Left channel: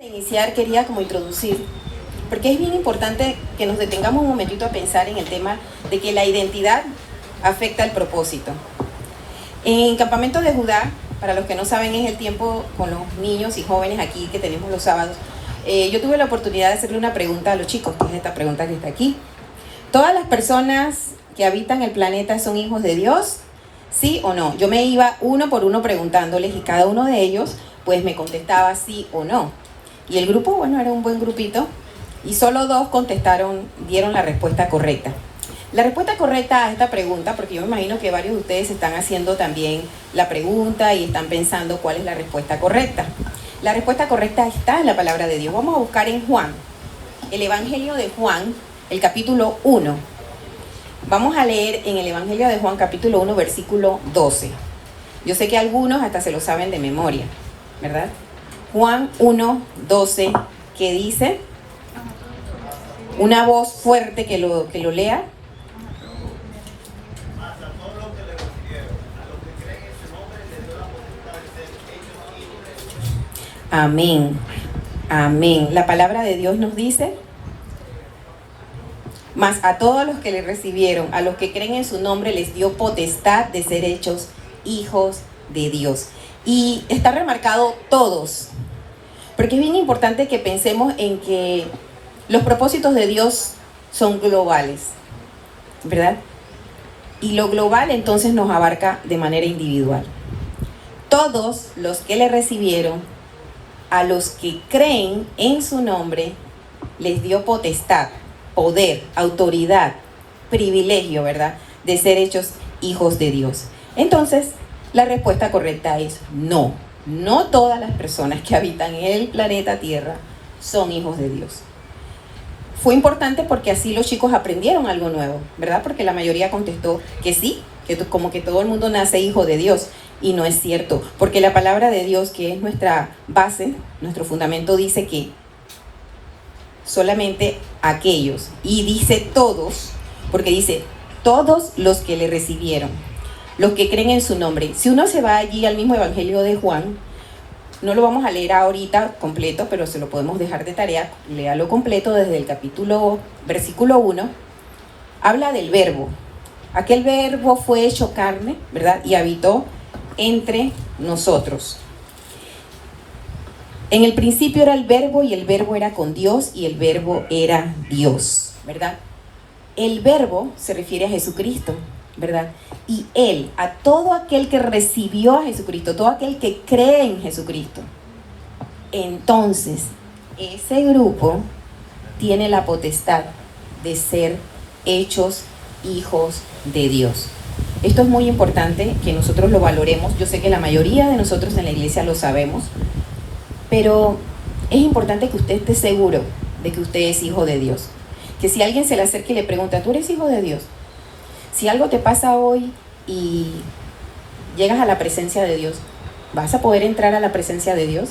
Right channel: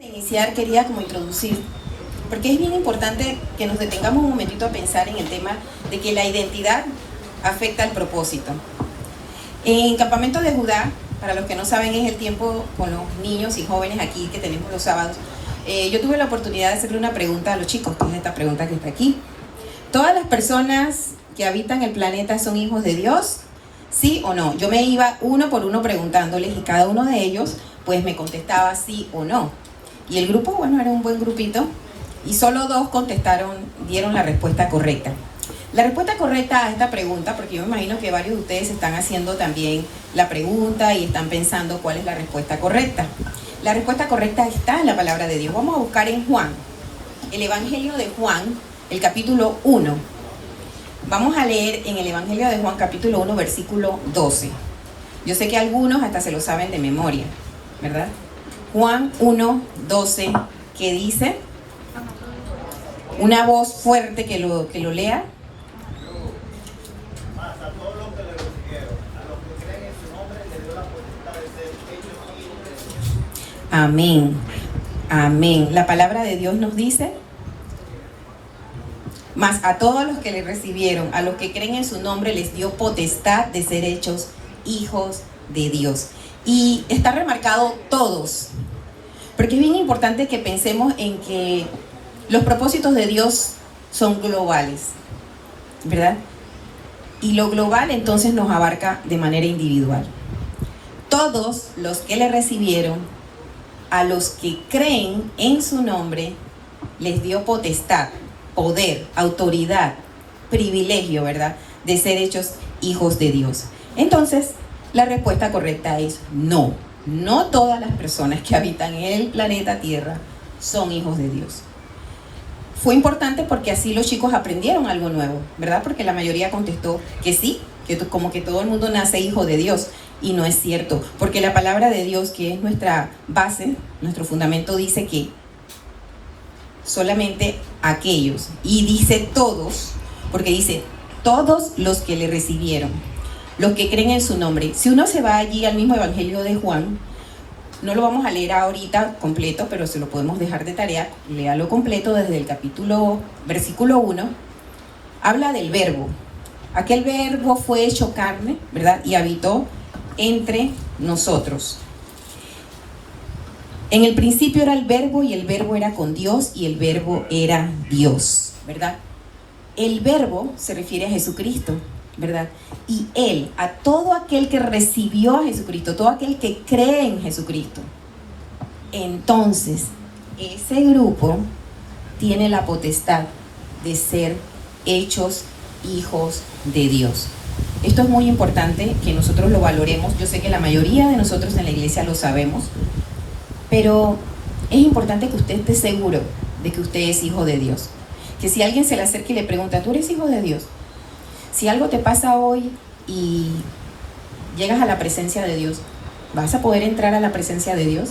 Iniciar quería como introducir, porque es bien importante que nos detengamos un momentito a pensar en el tema de que la identidad afecta al propósito. En Campamento de Judá, para los que no saben, es el tiempo con los niños y jóvenes aquí que tenemos los sábados. Yo tuve la oportunidad de hacerle una pregunta a los chicos, que es esta pregunta que está aquí. ¿Todas las personas que habitan el planeta son hijos de Dios? ¿Sí o no? Yo me iba uno por uno preguntándoles y cada uno de ellos pues me contestaba sí o no. Y el grupo, bueno, era un buen grupito y solo dos dieron la respuesta correcta. La respuesta correcta a esta pregunta, porque yo me imagino que varios de ustedes están haciendo también la pregunta y están pensando cuál es la respuesta correcta. La respuesta correcta está en la palabra de Dios. Vamos a buscar en Juan, el Evangelio de Juan, el capítulo 1. Vamos a leer en el Evangelio de Juan, capítulo 1, versículo 12. Yo sé que algunos hasta se lo saben de memoria, ¿verdad? Juan 1, 12, ¿qué dice? Una voz fuerte que lo lea. Amén. Amén. La palabra de Dios nos dice: mas a todos los que le recibieron, a los que creen en su nombre, les dio potestad de ser hechos hijos de Dios. Y está remarcado todos, porque es bien importante que pensemos en que los propósitos de Dios son globales, ¿verdad? Y lo global entonces nos abarca de manera individual. Todos los que le recibieron, a los que creen en su nombre, les dio potestad, poder, autoridad, privilegio, ¿verdad?, de ser hechos hijos de Dios. Entonces, la respuesta correcta es no. No todas las personas que habitan en el planeta Tierra son hijos de Dios. Fue importante porque así los chicos aprendieron algo nuevo, ¿verdad? Porque la mayoría contestó que sí, que como que todo el mundo nace hijo de Dios. Y no es cierto, porque la palabra de Dios, que es nuestra base, nuestro fundamento, dice que solamente aquellos, y dice todos, porque dice todos los que le recibieron, los que creen en su nombre. Si uno se va allí al mismo Evangelio de Juan, no lo vamos a leer ahorita completo, pero se lo podemos dejar de tarea, léalo completo desde el versículo 1, habla del verbo. Aquel verbo fue hecho carne, ¿verdad? Y habitó entre nosotros. En el principio era el verbo y el verbo era con Dios y el verbo era Dios, ¿verdad? El verbo se refiere a Jesucristo, ¿verdad? Y Él, a todo aquel que recibió a Jesucristo, todo aquel que cree en Jesucristo, entonces ese grupo tiene la potestad de ser hechos hijos de Dios. Esto es muy importante que nosotros lo valoremos. Yo sé que la mayoría de nosotros en la iglesia lo sabemos, pero es importante que usted esté seguro de que usted es hijo de Dios. Que si alguien se le acerca y le pregunta, ¿tú eres hijo de Dios? Si algo te pasa hoy y llegas a la presencia de Dios, ¿vas a poder entrar a la presencia de Dios?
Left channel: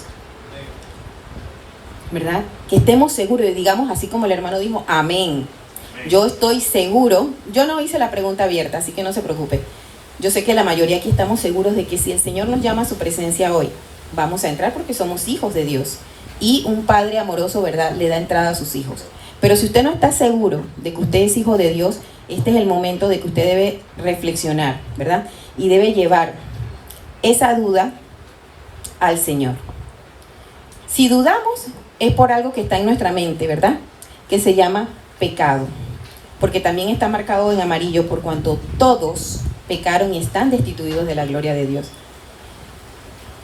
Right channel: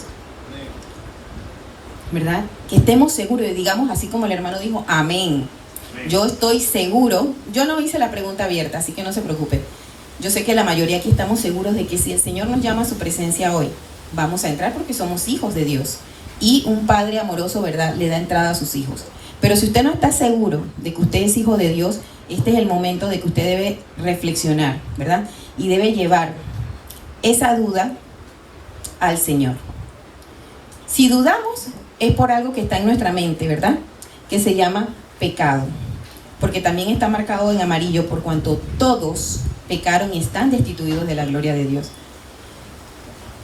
¿Verdad? Que estemos seguros y digamos así como el hermano dijo, amén. Yo estoy seguro, yo no hice la pregunta abierta, así que no se preocupe. Yo sé que la mayoría aquí estamos seguros de que si el Señor nos llama a su presencia hoy, vamos a entrar porque somos hijos de Dios. Y un padre amoroso, ¿verdad?, le da entrada a sus hijos. Pero si usted no está seguro de que usted es hijo de Dios, este es el momento de que usted debe reflexionar, ¿verdad? Y debe llevar esa duda al Señor. Si dudamos, es por algo que está en nuestra mente, ¿verdad?, que se llama pecado. Porque también está marcado en amarillo, por cuanto todos pecaron y están destituidos de la gloria de Dios.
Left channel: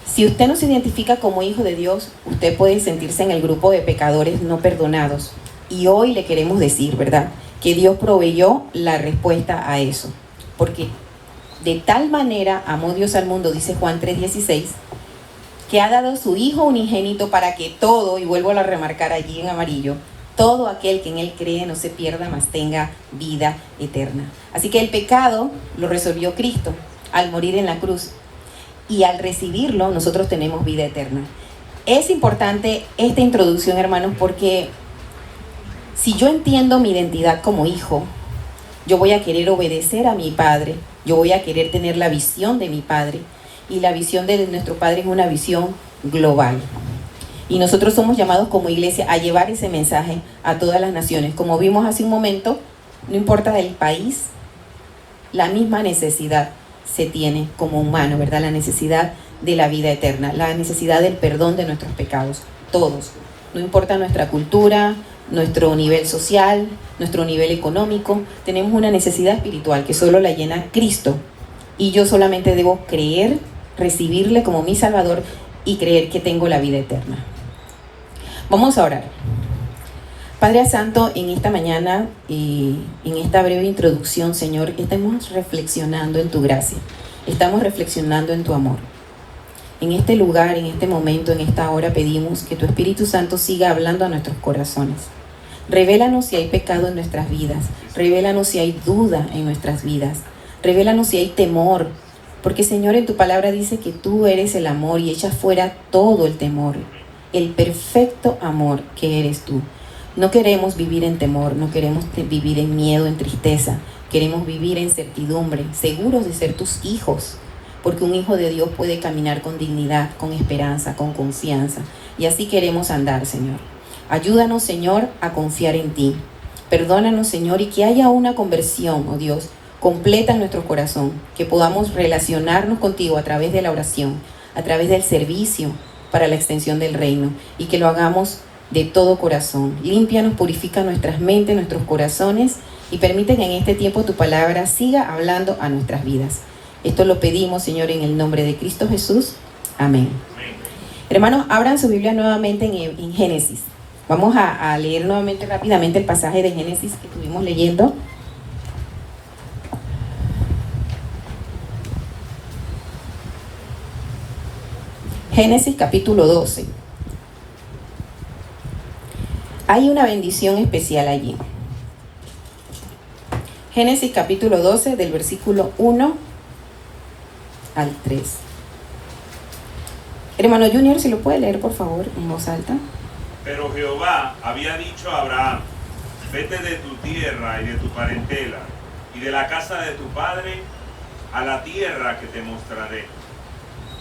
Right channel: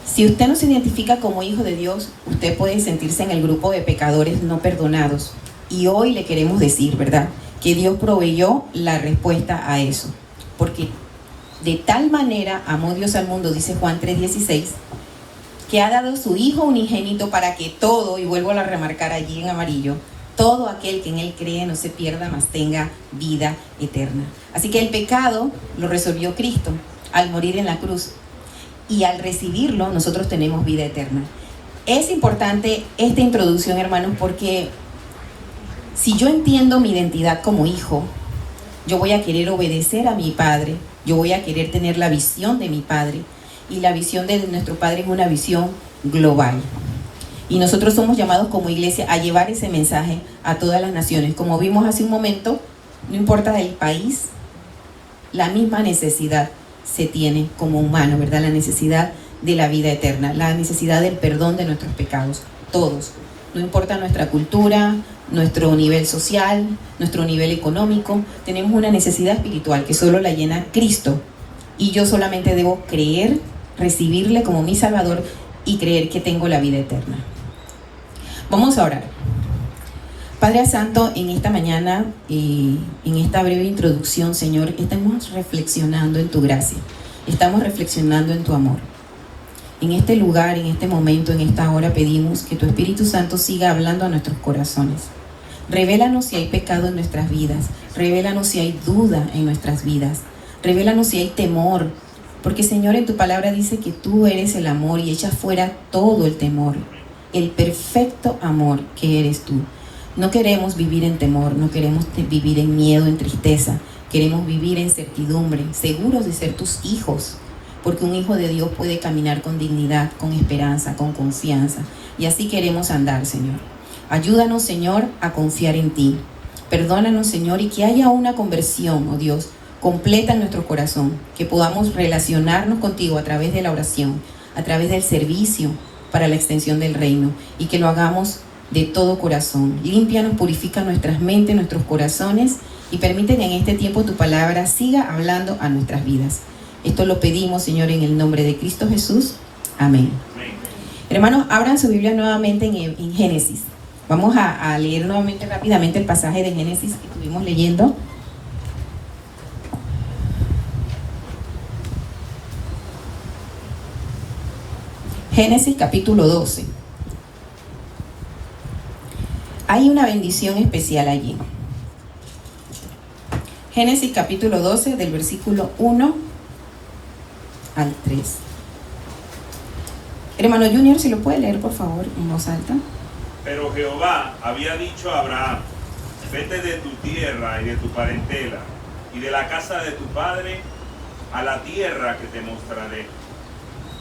Si usted no se identifica como hijo de Dios, usted puede sentirse en el grupo de pecadores no perdonados. Y hoy le queremos decir, ¿verdad?, que Dios proveyó la respuesta a eso. Porque de tal manera amó Dios al mundo, dice Juan 3:16, que ha dado a su Hijo unigénito para que todo, y vuelvo a remarcar allí en amarillo, todo aquel que en Él cree no se pierda, mas tenga vida eterna. Así que el pecado lo resolvió Cristo al morir en la cruz. Y al recibirlo, nosotros tenemos vida eterna. Es importante esta introducción, hermanos, porque si yo entiendo mi identidad como hijo, yo voy a querer obedecer a mi Padre, yo voy a querer tener la visión de mi Padre. Y la visión de nuestro Padre es una visión global. Y nosotros somos llamados como iglesia a llevar ese mensaje a todas las naciones. Como vimos hace un momento, no importa el país, la misma necesidad se tiene como humano, ¿verdad? La necesidad de la vida eterna, la necesidad del perdón de nuestros pecados, todos. No importa nuestra cultura, nuestro nivel social, nuestro nivel económico, tenemos una necesidad espiritual que solo la llena Cristo. Y yo solamente debo creer, recibirle como mi Salvador y creer que tengo la vida eterna. Vamos a orar. Padre Santo, en esta mañana y en esta breve introducción, Señor, estamos reflexionando en tu gracia, estamos reflexionando en tu amor. En este lugar, en este momento, en esta hora, pedimos que tu Espíritu Santo siga hablando a nuestros corazones. Revélanos si hay pecado en nuestras vidas, revélanos si hay duda en nuestras vidas, revélanos si hay temor, porque Señor, en tu palabra dice que tú eres el amor y echas fuera todo el temor, el perfecto amor que eres tú. No queremos vivir en temor, no queremos vivir en miedo, en tristeza. Queremos vivir en certidumbre, seguros de ser tus hijos, porque un hijo de Dios puede caminar con dignidad, con esperanza, con confianza. Y así queremos andar, Señor. Ayúdanos, Señor, a confiar en ti. Perdónanos, Señor, y que haya una conversión, oh Dios, completa en nuestro corazón, que podamos relacionarnos contigo a través de la oración, a través del servicio para la extensión del reino, y que lo hagamos de todo corazón. Límpianos, purifica nuestras mentes, nuestros corazones y permite que en este tiempo tu palabra siga hablando a nuestras vidas. Esto lo pedimos, Señor, en el nombre de Cristo Jesús. Amén. Amén. Hermanos, abran su Biblia nuevamente en Génesis. Vamos a leer nuevamente rápidamente el pasaje de Génesis que estuvimos leyendo. Génesis capítulo 12. Hay una bendición especial allí. Génesis capítulo 12, del versículo 1 al 3. Hermano Junior, si lo puede leer, por favor, en voz alta. Pero Jehová había dicho a Abraham: vete de tu tierra y de tu parentela y de la casa de tu padre a la tierra que te mostraré.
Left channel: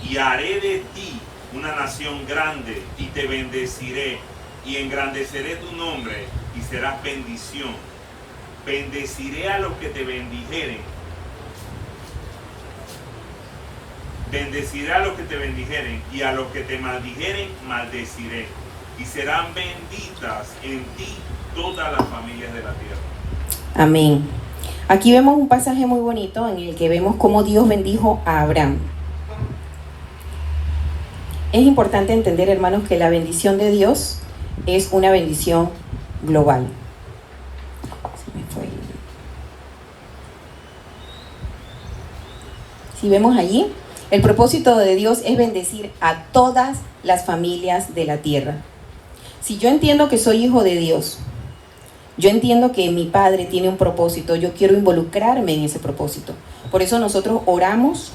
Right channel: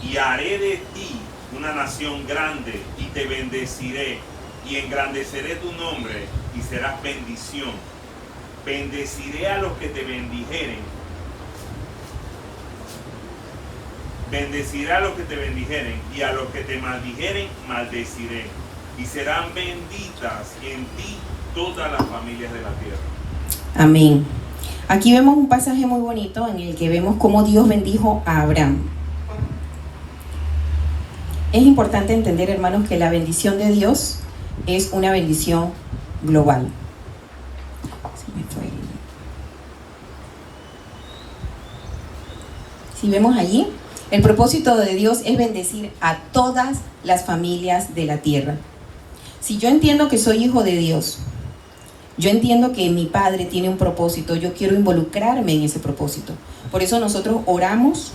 Y haré de ti una nación grande y te bendeciré. Y engrandeceré tu nombre y serás bendición. Bendeciré a los que te bendijeren. Bendeciré a los que te bendijeren, y a los que te maldijeren, maldeciré. Y serán benditas en ti todas las familias de la tierra. Amén. Aquí vemos un pasaje muy bonito en el que vemos cómo Dios bendijo a Abraham. Es importante entender, hermanos, que la bendición de Dios es una bendición global. Si vemos allí, el propósito de Dios es bendecir a todas las familias de la tierra. Si yo entiendo que soy hijo de Dios, yo entiendo que mi Padre tiene un propósito, yo quiero involucrarme en ese propósito. Por eso nosotros oramos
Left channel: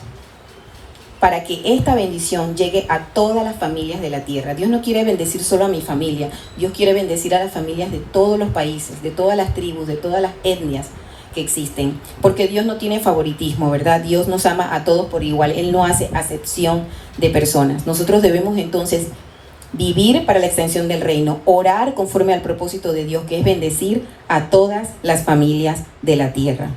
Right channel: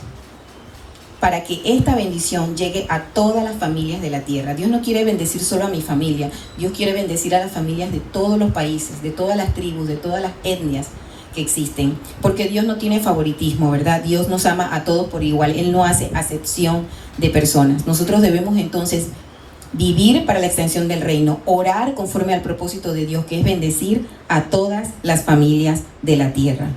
para que esta bendición llegue a todas las familias de la tierra. Dios no quiere bendecir solo a mi familia, Dios quiere bendecir a las familias de todos los países, de todas las tribus, de todas las etnias que existen, porque Dios no tiene favoritismo, ¿verdad? Dios nos ama a todos por igual, Él no hace acepción de personas. Nosotros debemos entonces vivir para la extensión del reino, orar conforme al propósito de Dios, que es bendecir a todas las familias de la tierra.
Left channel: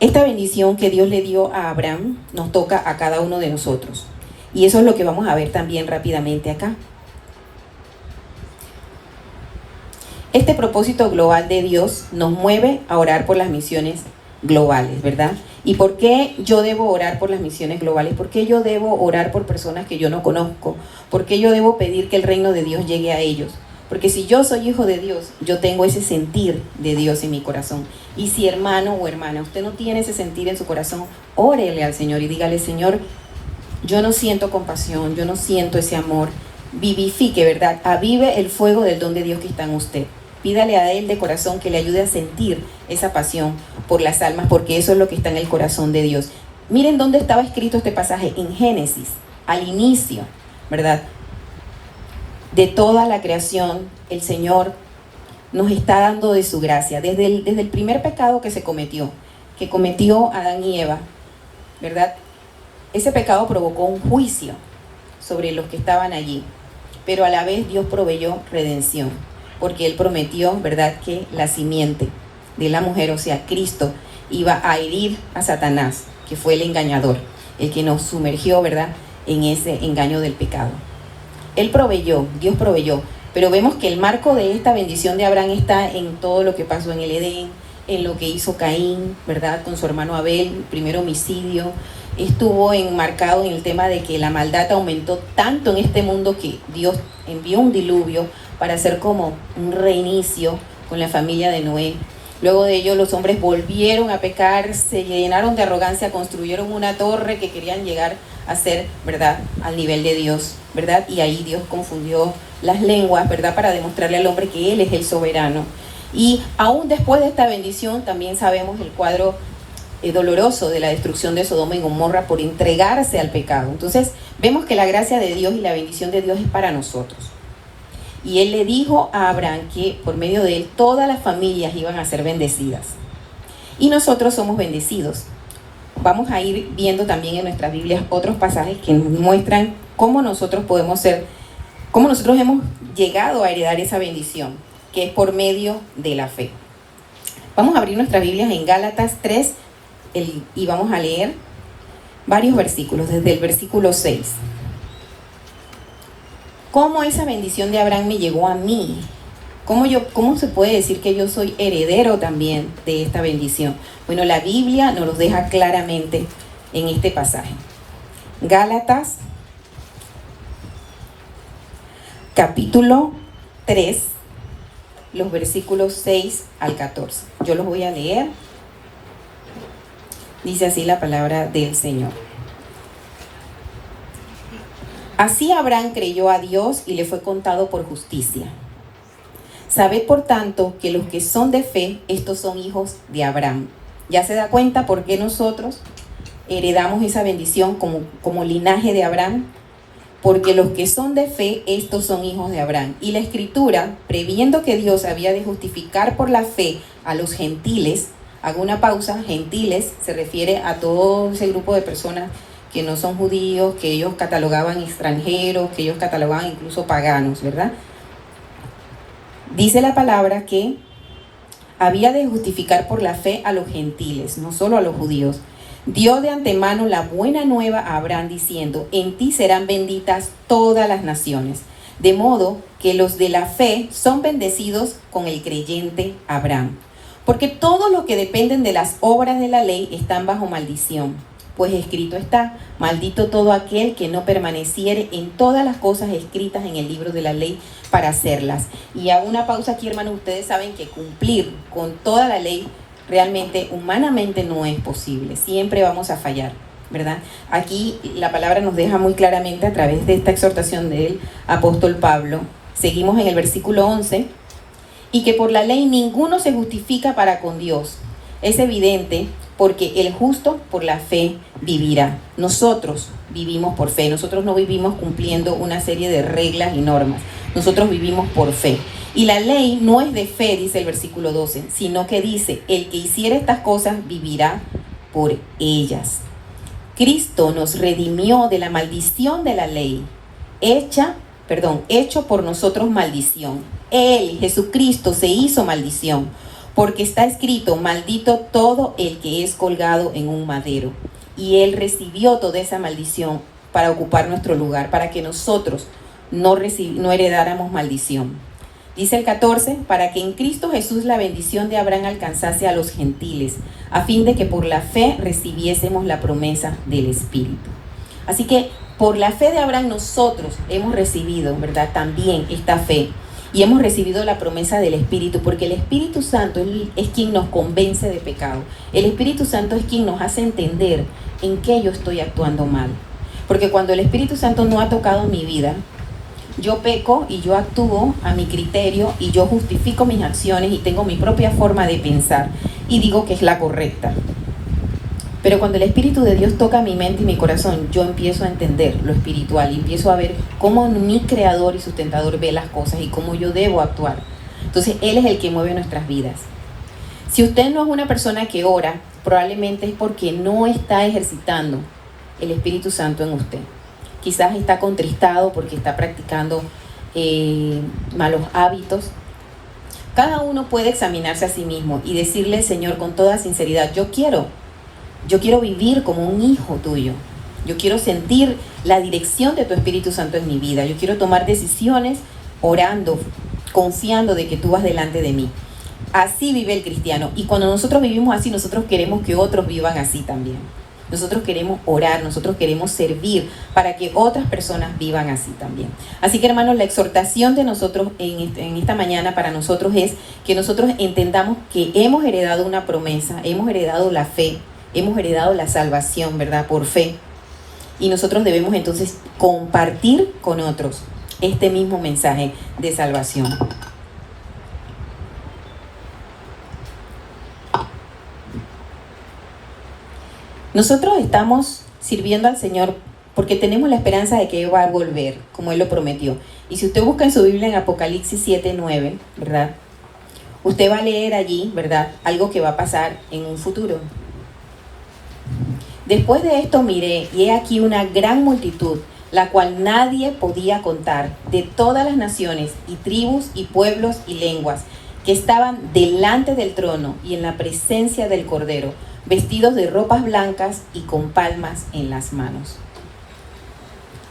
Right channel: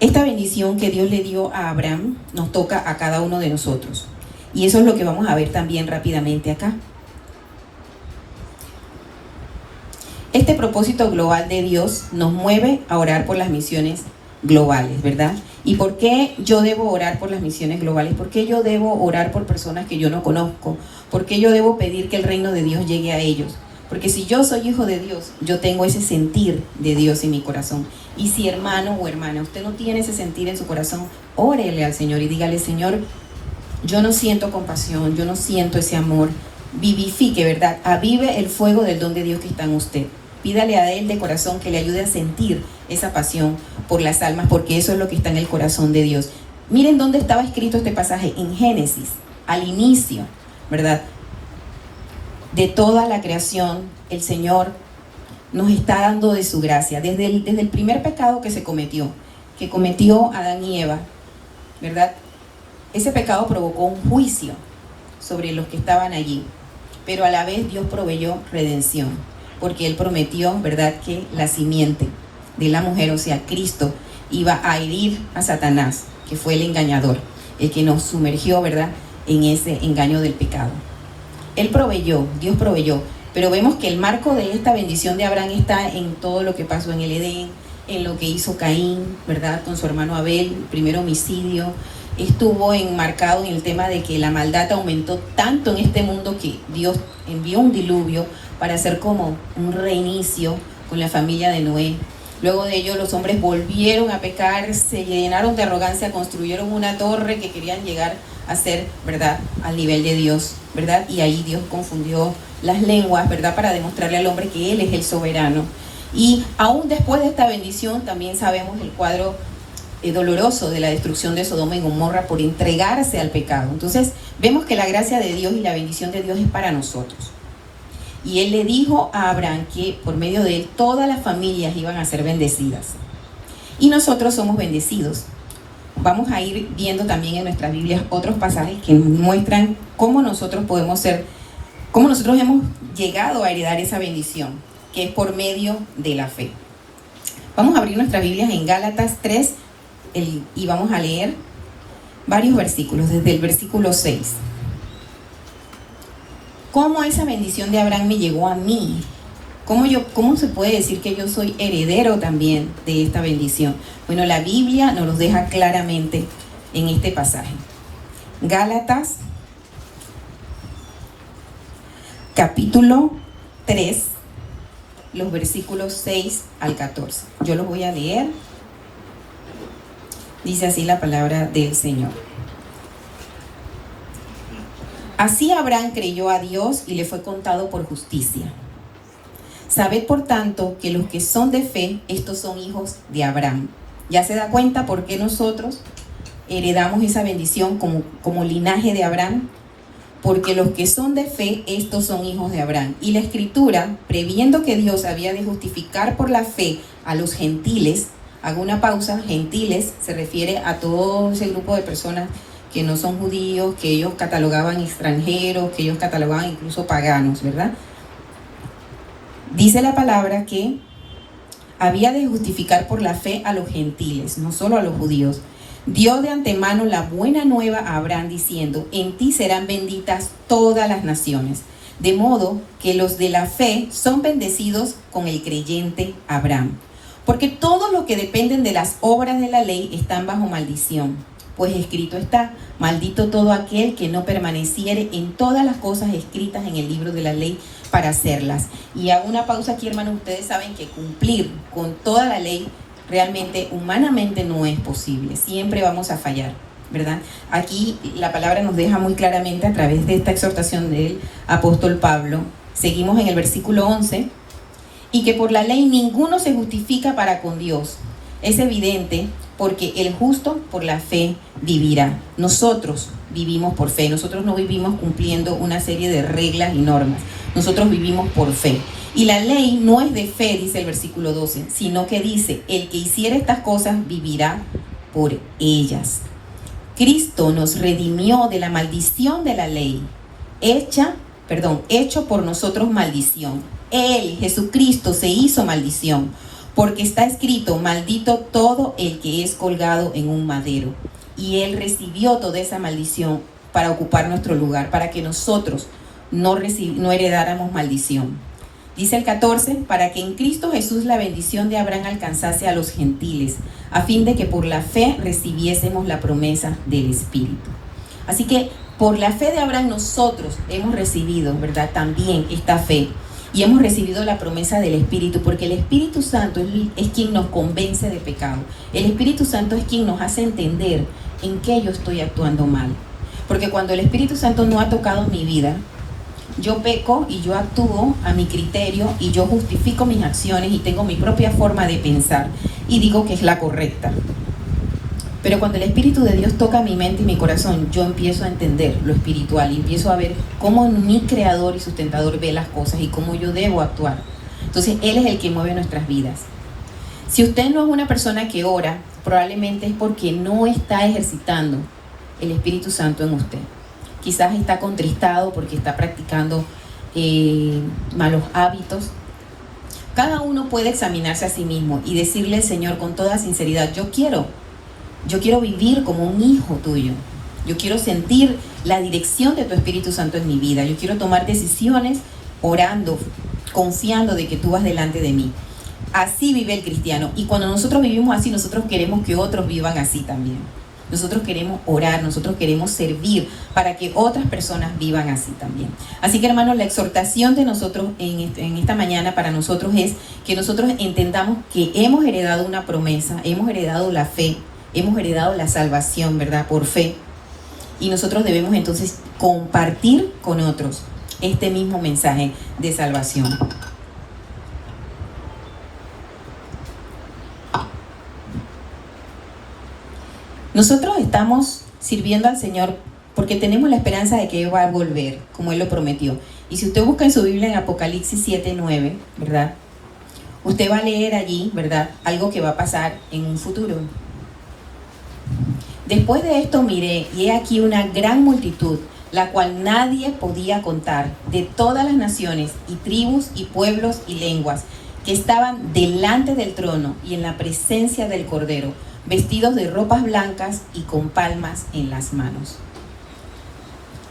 Esta bendición que Dios le dio a Abraham nos toca a cada uno de nosotros. Y eso es lo que vamos a ver también rápidamente acá. Este propósito global de Dios nos mueve a orar por las misiones globales, ¿verdad? ¿Y por qué yo debo orar por las misiones globales? ¿Por qué yo debo orar por personas que yo no conozco? ¿Por qué yo debo pedir que el reino de Dios llegue a ellos? Porque si yo soy hijo de Dios, yo tengo ese sentir de Dios en mi corazón. Y si hermano o hermana, usted no tiene ese sentir en su corazón, órele al Señor y dígale: Señor, yo no siento compasión, yo no siento ese amor. Vivifique, ¿verdad? Avive el fuego del don de Dios que está en usted. Pídale a Él de corazón que le ayude a sentir esa pasión por las almas, porque eso es lo que está en el corazón de Dios. Miren dónde estaba escrito este pasaje, en Génesis, al inicio, ¿verdad? De toda la creación, el Señor nos está dando de su gracia, desde el primer pecado que cometió Adán y Eva, ¿verdad? Ese pecado provocó un juicio sobre los que estaban allí. pero a la vez Dios proveyó redención, porque Él prometió, ¿verdad?, que la simiente de la mujer, o sea, Cristo, iba a herir a Satanás, que fue el engañador, el que nos sumergió, ¿verdad?, en ese engaño del pecado. Él proveyó, Dios proveyó, pero vemos que el marco de esta bendición de Abraham está en todo lo que pasó en el Edén, en lo que hizo Caín, ¿verdad?, con su hermano Abel, el primer homicidio. Estuvo enmarcado en el tema de que la maldad aumentó tanto en este mundo que Dios envió un diluvio para hacer como un reinicio con la familia de Noé. Luego de ello los hombres volvieron a pecar, se llenaron de arrogancia, construyeron una torre que querían llegar a ser, ¿verdad?, al nivel de Dios, ¿verdad? Y ahí Dios confundió las lenguas, ¿verdad?, para demostrarle al hombre que Él es el soberano. Y aún después de esta bendición también sabemos el cuadro doloroso de la destrucción de Sodoma y Gomorra por entregarse al pecado. Entonces vemos que la gracia de Dios y la bendición de Dios es para nosotros. Y Él le dijo a Abraham que por medio de él todas las familias iban a ser bendecidas. Y nosotros somos bendecidos. Vamos a ir viendo también en nuestras Biblias otros pasajes que muestran cómo nosotros podemos ser, cómo nosotros hemos llegado a heredar esa bendición, que es por medio de la fe. Vamos a abrir nuestras Biblias en Gálatas 3 y vamos a leer varios versículos, desde el versículo 6. ¿Cómo esa bendición de Abraham me llegó a mí? ¿Cómo se puede decir que yo soy heredero también de esta bendición? Bueno, la Biblia nos lo deja claramente en este pasaje. Gálatas, capítulo 3, los versículos 6 al 14. Yo los voy a leer. Dice así la palabra del Señor. Así Abraham creyó a Dios y le fue contado por justicia. Sabed por tanto que los que son de fe, estos son hijos de Abraham. Ya se da cuenta por qué nosotros heredamos esa bendición como linaje de Abraham. Porque los que son de fe, estos son hijos de Abraham. Y la Escritura, previendo que Dios había de justificar por la fe a los gentiles, hago una pausa, gentiles se refiere a todo ese grupo de personas que no son judíos, que ellos catalogaban extranjeros, que ellos catalogaban incluso paganos, ¿verdad? Dice la palabra que había de justificar por la fe a los gentiles, no solo a los judíos. Dio de antemano la buena nueva a Abraham diciendo, en ti serán benditas todas las naciones. De modo que los de la fe son bendecidos con el creyente Abraham. Porque todos los que dependen de las obras de la ley están bajo maldición. Pues escrito está, maldito todo aquel que no permaneciere en todas las cosas escritas en el libro de la ley para hacerlas. Y hago una pausa aquí, hermanos. Ustedes saben que cumplir con toda la ley realmente, humanamente, no es posible. Siempre vamos a fallar, ¿verdad? Aquí la palabra nos deja muy claramente a través de esta exhortación del apóstol Pablo. Seguimos en el versículo 11. Y que por la ley ninguno se justifica para con Dios. Es evidente porque el justo por la fe vivirá. Nosotros vivimos por fe. Nosotros no vivimos cumpliendo una serie de reglas y normas. Nosotros vivimos por fe. Y la ley no es de fe, dice el versículo 12, sino que dice, el que hiciera estas cosas vivirá por ellas. Cristo nos redimió de la maldición de la ley, hecho por nosotros maldición. Él, Jesucristo, se hizo maldición, porque está escrito, maldito todo el que es colgado en un madero. Y Él recibió toda esa maldición para ocupar nuestro lugar, para que nosotros no heredáramos maldición. Dice el 14, para que en Cristo Jesús la bendición de Abraham alcanzase a los gentiles, a fin de que por la fe recibiésemos la promesa del Espíritu. Así que por la fe de Abraham nosotros hemos recibido, ¿verdad?, también esta fe. Y hemos recibido la promesa del Espíritu, porque el Espíritu Santo es quien nos convence de pecado. El Espíritu Santo es quien nos hace entender en qué yo estoy actuando mal. Porque cuando el Espíritu Santo no ha tocado mi vida, yo peco y yo actúo a mi criterio y yo justifico mis acciones y tengo mi propia forma de pensar y digo que es la correcta. Pero cuando el Espíritu de Dios toca mi mente y mi corazón, yo empiezo a entender lo espiritual y empiezo a ver cómo mi Creador y Sustentador ve las cosas y cómo yo debo actuar. Entonces, Él es el que mueve nuestras vidas. Si usted no es una persona que ora, probablemente es porque no está ejercitando el Espíritu Santo en usted. Quizás está contristado porque está practicando malos hábitos. Cada uno puede examinarse a sí mismo y decirle al Señor con toda sinceridad, yo quiero vivir como un hijo tuyo. Yo quiero sentir la dirección de tu Espíritu Santo en mi vida. Yo quiero tomar decisiones orando, confiando de que tú vas delante de mí. Así vive el cristiano. Y cuando nosotros vivimos así, nosotros queremos que otros vivan así también. Nosotros queremos orar, nosotros queremos servir para que otras personas vivan así también. Así que, hermanos, la exhortación de nosotros en esta mañana para nosotros es que nosotros entendamos que hemos heredado una promesa, hemos heredado la fe, hemos heredado la salvación, ¿verdad? Por fe. Y nosotros debemos entonces compartir con otros este mismo mensaje de salvación. Nosotros estamos sirviendo al Señor porque tenemos la esperanza de que Él va a volver, como Él lo prometió. Y si usted busca en su Biblia en Apocalipsis 7:9, ¿verdad? Usted va a leer allí, ¿verdad? Algo que va a pasar en un futuro. Después de esto miré, y he aquí una gran multitud, la cual nadie podía contar, de todas las naciones y tribus y pueblos y lenguas, que estaban delante del trono y en la presencia del Cordero, vestidos de ropas blancas y con palmas en las manos.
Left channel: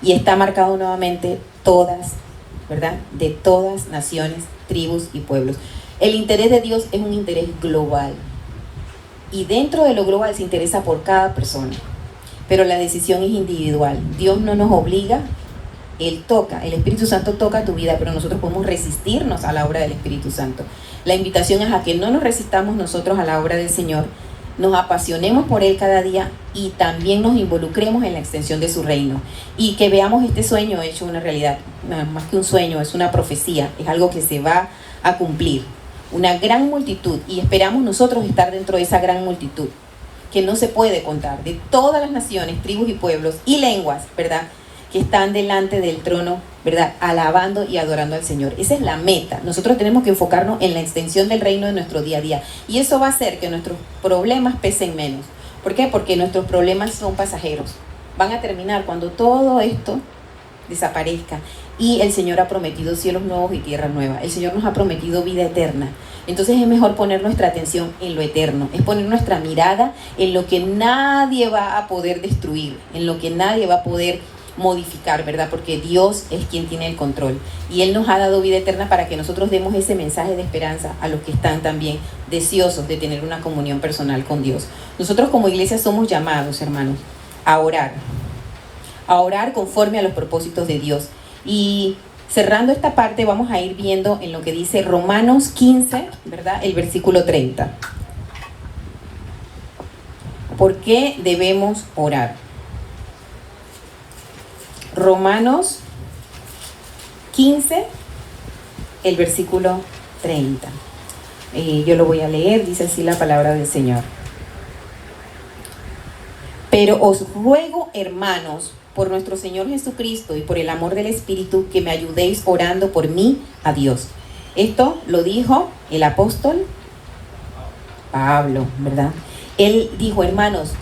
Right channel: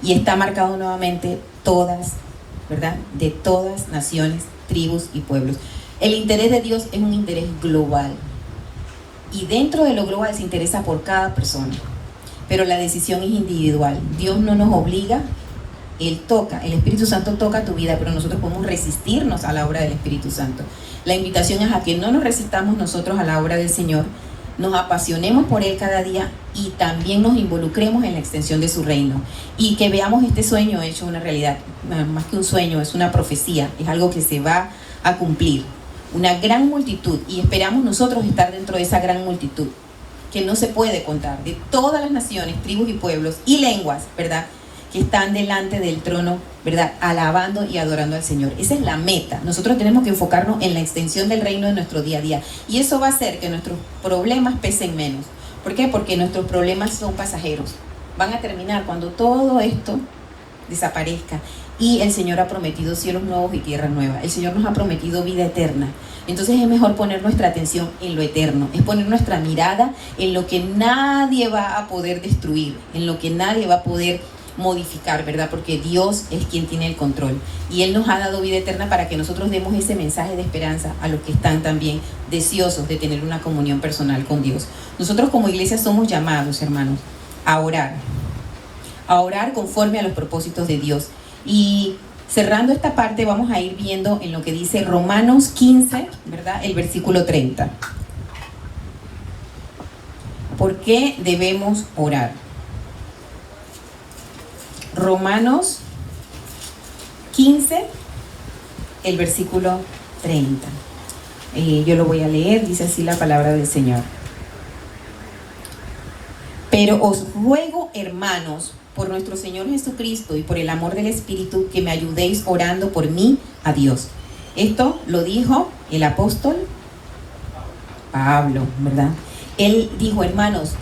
Y está marcado nuevamente todas, ¿verdad? De todas naciones, tribus y pueblos. El interés de Dios es un interés global. Y dentro de lo global se interesa por cada persona. Pero la decisión es individual. Dios no nos obliga, Él toca, el Espíritu Santo toca tu vida, pero nosotros podemos resistirnos a la obra del Espíritu Santo. La invitación es a que no nos resistamos nosotros a la obra del Señor, nos apasionemos por Él cada día y también nos involucremos en la extensión de su reino. Y que veamos este sueño hecho una realidad. Más que un sueño, es una profecía, es algo que se va a cumplir. Una gran multitud, y esperamos nosotros estar dentro de esa gran multitud, que no se puede contar, de todas las naciones, tribus y pueblos y lenguas, ¿verdad?, que están delante del trono, ¿verdad?, alabando y adorando al Señor. Esa es la meta. Nosotros tenemos que enfocarnos en la extensión del reino de nuestro día a día. Y eso va a hacer que nuestros problemas pesen menos. ¿Por qué? Porque nuestros problemas son pasajeros. Van a terminar cuando todo esto desaparezca. Y el Señor ha prometido cielos nuevos y tierra nueva. El Señor nos ha prometido vida eterna. Entonces es mejor poner nuestra atención en lo eterno. Es poner nuestra mirada en lo que nadie va a poder destruir, en lo que nadie va a poder modificar, ¿verdad? Porque Dios es quien tiene el control. Y Él nos ha dado vida eterna para que nosotros demos ese mensaje de esperanza a los que están también deseosos de tener una comunión personal con Dios. Nosotros como iglesia somos llamados, hermanos, a orar conforme a los propósitos de Dios. Y cerrando esta parte vamos a ir viendo en lo que dice Romanos 15, ¿verdad?, el versículo 30. ¿Por qué debemos orar? Romanos 15, el versículo 30. Yo lo voy a leer, dice así la palabra del Señor. Pero os ruego, hermanos, por nuestro Señor Jesucristo y por el amor del Espíritu, que me ayudéis orando por mí a Dios. Esto lo dijo el apóstol Pablo, ¿verdad? Él dijo, hermanos,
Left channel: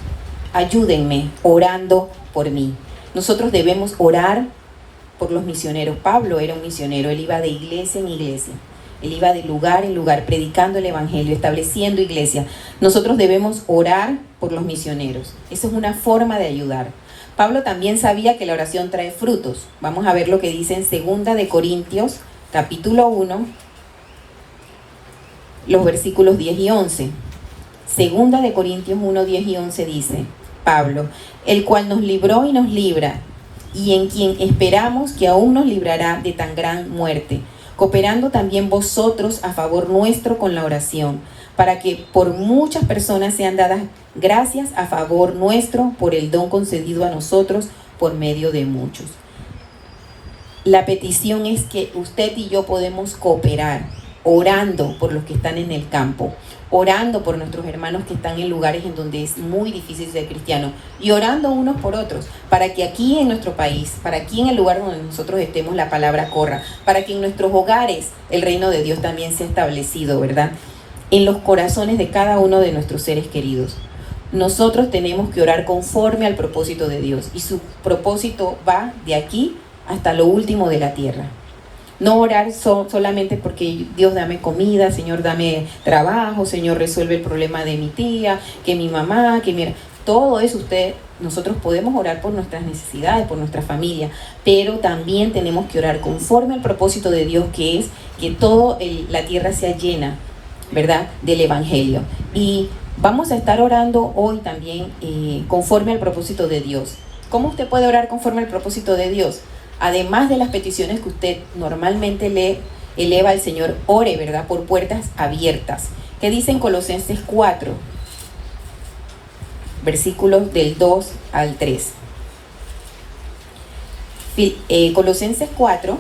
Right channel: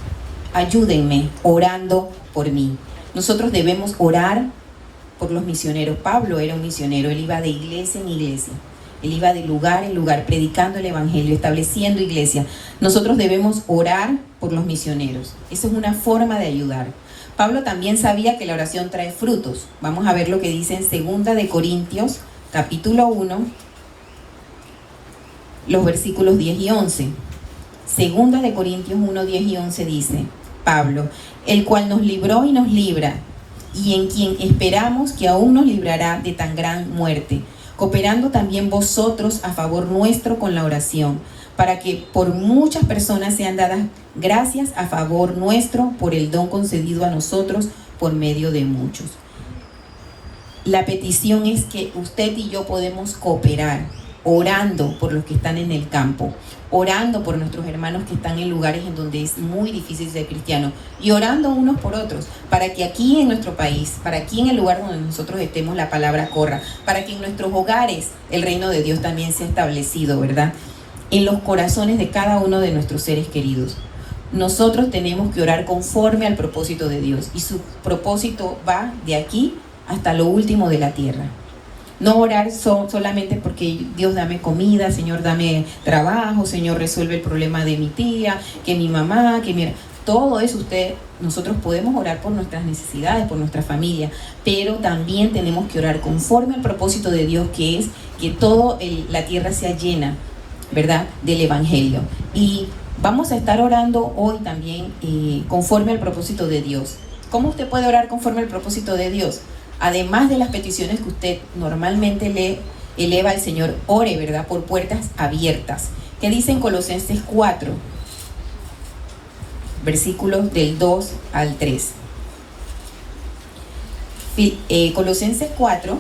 ayúdenme orando por mí. Nosotros debemos orar por los misioneros. Pablo era un misionero, él iba de iglesia en iglesia. Él iba de lugar en lugar, predicando el evangelio, estableciendo iglesia. Nosotros debemos orar por los misioneros. Esa es una forma de ayudar. Pablo también sabía que la oración trae frutos. Vamos a ver lo que dice en 2 de Corintios, capítulo 1, los versículos 10 y 11. 2 de Corintios 1, 10 y 11 dice Pablo, el cual nos libró y nos libra, y en quien esperamos que aún nos librará de tan gran muerte, cooperando también vosotros a favor nuestro con la oración, para que por muchas personas sean dadas gracias a favor nuestro por el don concedido a nosotros por medio de muchos. La petición es que usted y yo podemos cooperar, orando por los que están en el campo, orando por nuestros hermanos que están en lugares en donde es muy difícil ser cristiano, y orando unos por otros, para que aquí en nuestro país, para aquí en el lugar donde nosotros estemos, la palabra corra, para que en nuestros hogares el reino de Dios también sea establecido, ¿verdad?, en los corazones de cada uno de nuestros seres queridos. Nosotros tenemos que orar conforme al propósito de Dios, y su propósito va de aquí hasta lo último de la tierra. No orar solamente porque Dios dame comida, Señor dame trabajo, Señor resuelve el problema de mi tía, que mi mamá, que mi... Todo eso nosotros podemos orar por nuestras necesidades, por nuestra familia, pero también tenemos que orar conforme al propósito de Dios, que es que toda la tierra sea llena, ¿verdad?, del Evangelio. Y vamos a estar orando hoy también conforme al propósito de Dios. ¿Cómo usted puede orar conforme al propósito de Dios? Además de las peticiones que usted normalmente le eleva al Señor, ore, ¿verdad?, por puertas abiertas. ¿Qué dice en Colosenses 4? Versículos del 2 al 3. Colosenses 4,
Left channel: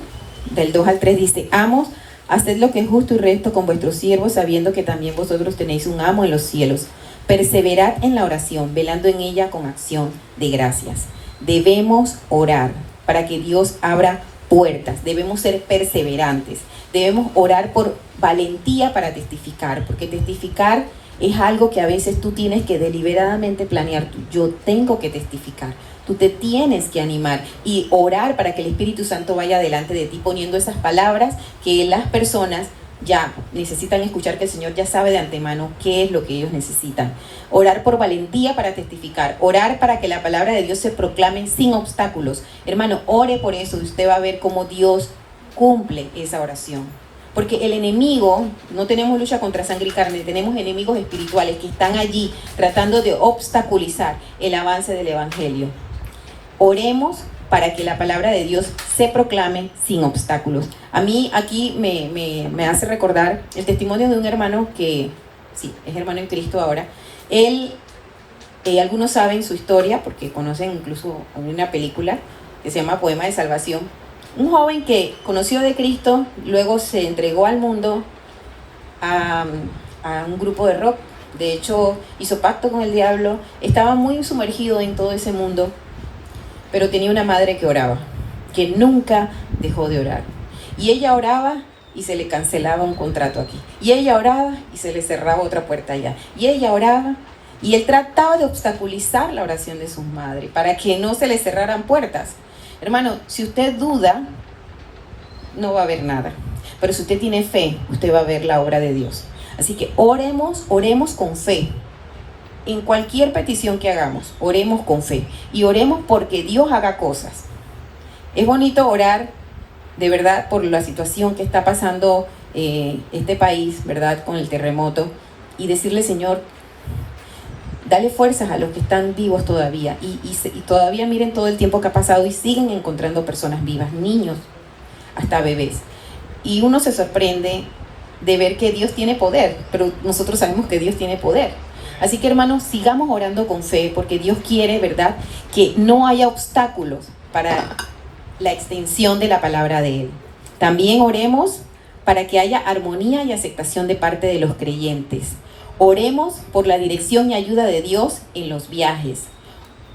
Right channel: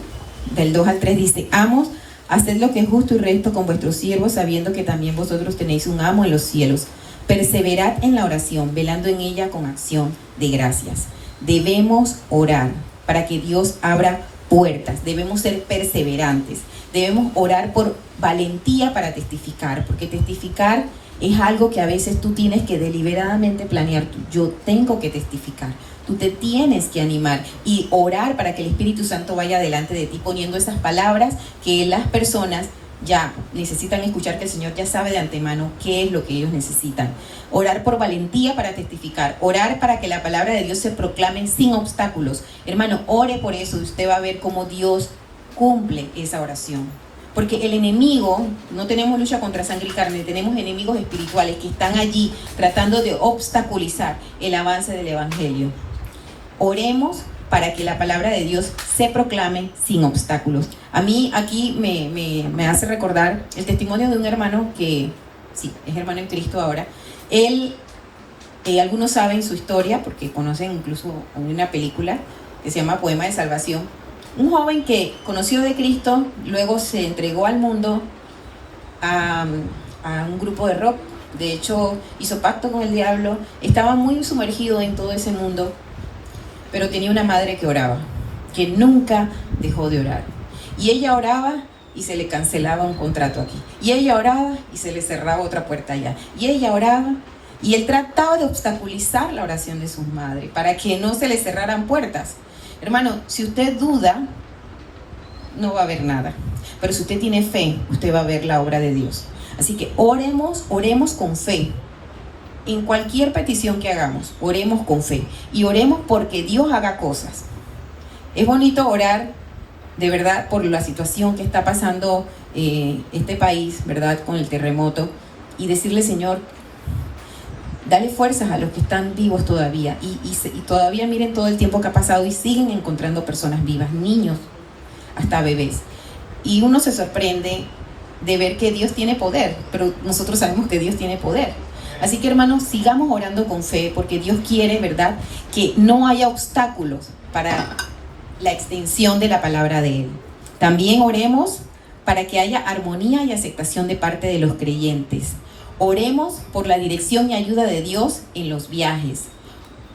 del 2 al 3 dice: Amos, haced lo que es justo y recto con vuestros siervos, sabiendo que también vosotros tenéis un amo en los cielos. Perseverad en la oración, velando en ella con acción de gracias. Debemos orar para que Dios abra puertas. Debemos ser perseverantes. Debemos orar por valentía para testificar, porque testificar es algo que a veces tú tienes que deliberadamente planear. Yo tengo que testificar. Tú te tienes que animar y orar para que el Espíritu Santo vaya delante de ti, poniendo esas palabras que las personas ya necesitan escuchar, que el Señor ya sabe de antemano qué es lo que ellos necesitan. Orar por valentía para testificar. Orar para que la palabra de Dios se proclame sin obstáculos. Hermano, ore por eso y usted va a ver cómo Dios cumple esa oración. Porque el enemigo, no tenemos lucha contra sangre y carne, tenemos enemigos espirituales que están allí tratando de obstaculizar el avance del Evangelio. Oremos para que la palabra de Dios se proclame sin obstáculos. A mí aquí me hace recordar el testimonio de un hermano que, sí, es hermano en Cristo ahora. Él, algunos saben su historia porque conocen incluso una película que se llama Poema de Salvación. Un joven que conoció de Cristo, luego se entregó al mundo, a un grupo de rock. De hecho, hizo pacto con el diablo, estaba muy sumergido en todo ese mundo, pero tenía una madre que oraba, que nunca dejó de orar. Y ella oraba y se le cancelaba un contrato aquí. Y ella oraba y se le cerraba otra puerta allá. Y ella oraba y él trataba de obstaculizar la oración de su madre para que no se le cerraran puertas. Hermano, si usted duda, no va a haber nada. Pero si usted tiene fe, usted va a ver la obra de Dios. Así que oremos con fe. En cualquier petición que hagamos, oremos con fe. Y oremos porque Dios haga cosas. Es bonito orar, de verdad, por la situación que está pasando este país, ¿verdad?, con el terremoto. Y decirle: Señor, dale fuerzas a los que están vivos todavía. Y todavía miren todo el tiempo que ha pasado y siguen encontrando personas vivas, niños, hasta bebés. Y uno se sorprende de ver que Dios tiene poder, pero nosotros sabemos que Dios tiene poder. Así que, hermanos, sigamos orando con fe, porque Dios quiere, ¿verdad?, que no haya obstáculos para la extensión de la palabra de Él. También oremos para que haya armonía y aceptación de parte de los creyentes. Oremos por la dirección y ayuda de Dios en los viajes,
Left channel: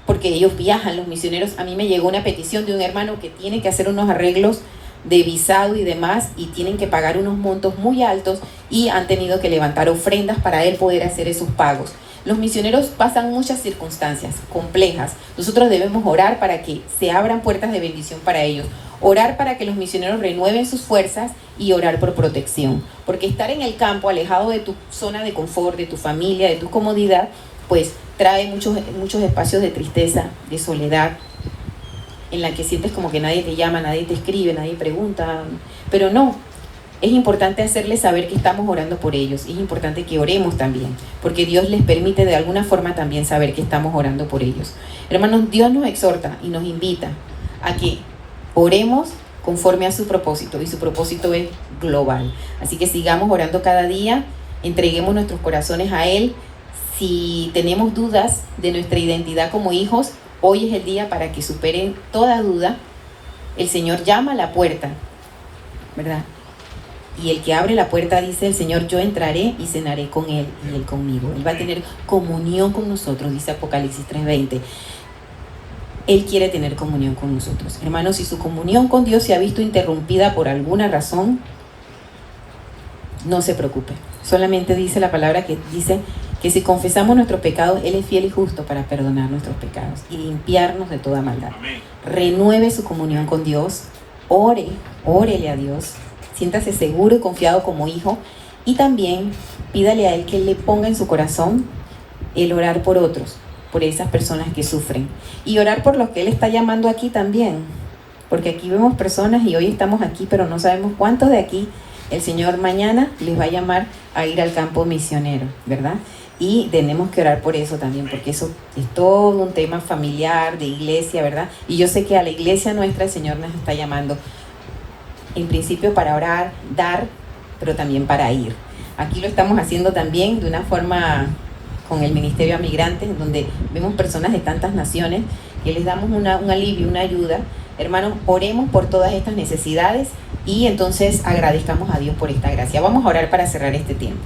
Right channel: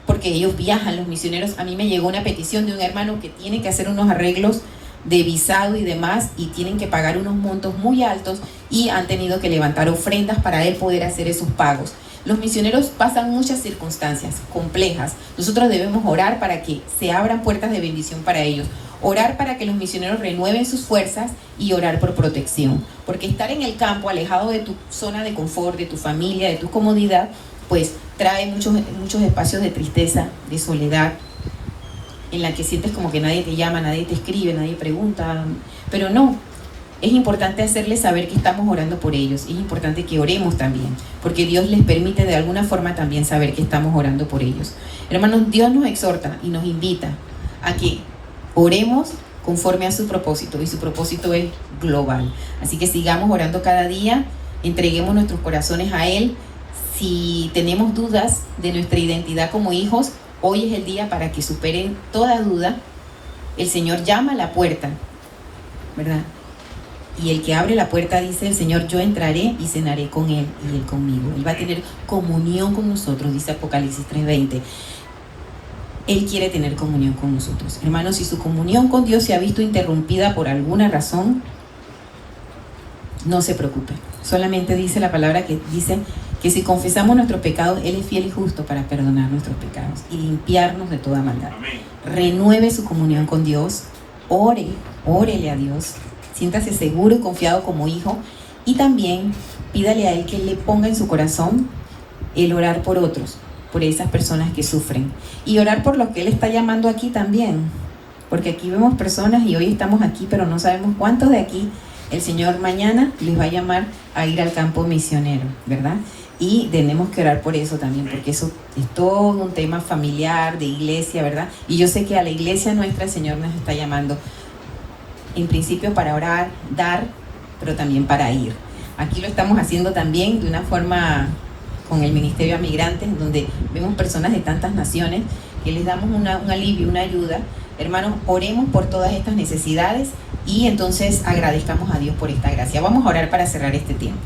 porque ellos viajan, los misioneros. A mí me llegó una petición de un hermano que tiene que hacer unos arreglos de visado y demás, y tienen que pagar unos montos muy altos y han tenido que levantar ofrendas para él poder hacer esos pagos. Los misioneros pasan muchas circunstancias complejas. Nosotros debemos orar para que se abran puertas de bendición para ellos. Orar para que los misioneros renueven sus fuerzas y orar por protección. Porque estar en el campo, alejado de tu zona de confort, de tu familia, de tu comodidad, pues trae muchos espacios de tristeza, de soledad, en la que sientes como que nadie te llama, nadie te escribe, nadie pregunta. Pero no, es importante hacerles saber que estamos orando por ellos. Es importante que oremos también, porque Dios les permite de alguna forma también saber que estamos orando por ellos. Hermanos, Dios nos exhorta y nos invita a que oremos conforme a su propósito, y su propósito es global. Así que sigamos orando cada día, entreguemos nuestros corazones a Él. Si tenemos dudas de nuestra identidad como hijos, hoy es el día para que superen toda duda. El Señor llama a la puerta, ¿verdad? Y el que abre la puerta dice el Señor: yo entraré y cenaré con Él y Él conmigo. Él va a tener comunión con nosotros, dice Apocalipsis 3:20. Él quiere tener comunión con nosotros. Hermanos, si su comunión con Dios se ha visto interrumpida por alguna razón, no se preocupe. Solamente dice la palabra que dice que si confesamos nuestros pecados, Él es fiel y justo para perdonar nuestros pecados y limpiarnos de toda maldad. Renueve su comunión con Dios órele a Dios, siéntase seguro y confiado como hijo, y también pídale a Él que le ponga en su corazón el orar por otros, por esas personas que sufren, y orar por los que Él está llamando aquí también, porque aquí vemos personas y hoy estamos aquí, pero no sabemos cuántos de aquí el Señor mañana les va a llamar a ir al campo misionero, ¿verdad? Y tenemos que orar por eso también, porque eso es todo un tema familiar, de iglesia, ¿verdad? Y yo sé que a la iglesia nuestra el Señor nos está llamando, en principio para orar, dar, pero también para ir. Aquí lo estamos haciendo también de una forma con el Ministerio a Migrantes, donde vemos personas de tantas naciones que les damos un alivio, una ayuda. Hermanos, oremos por todas estas necesidades y entonces agradezcamos a Dios por esta gracia. Vamos a orar para cerrar este tiempo.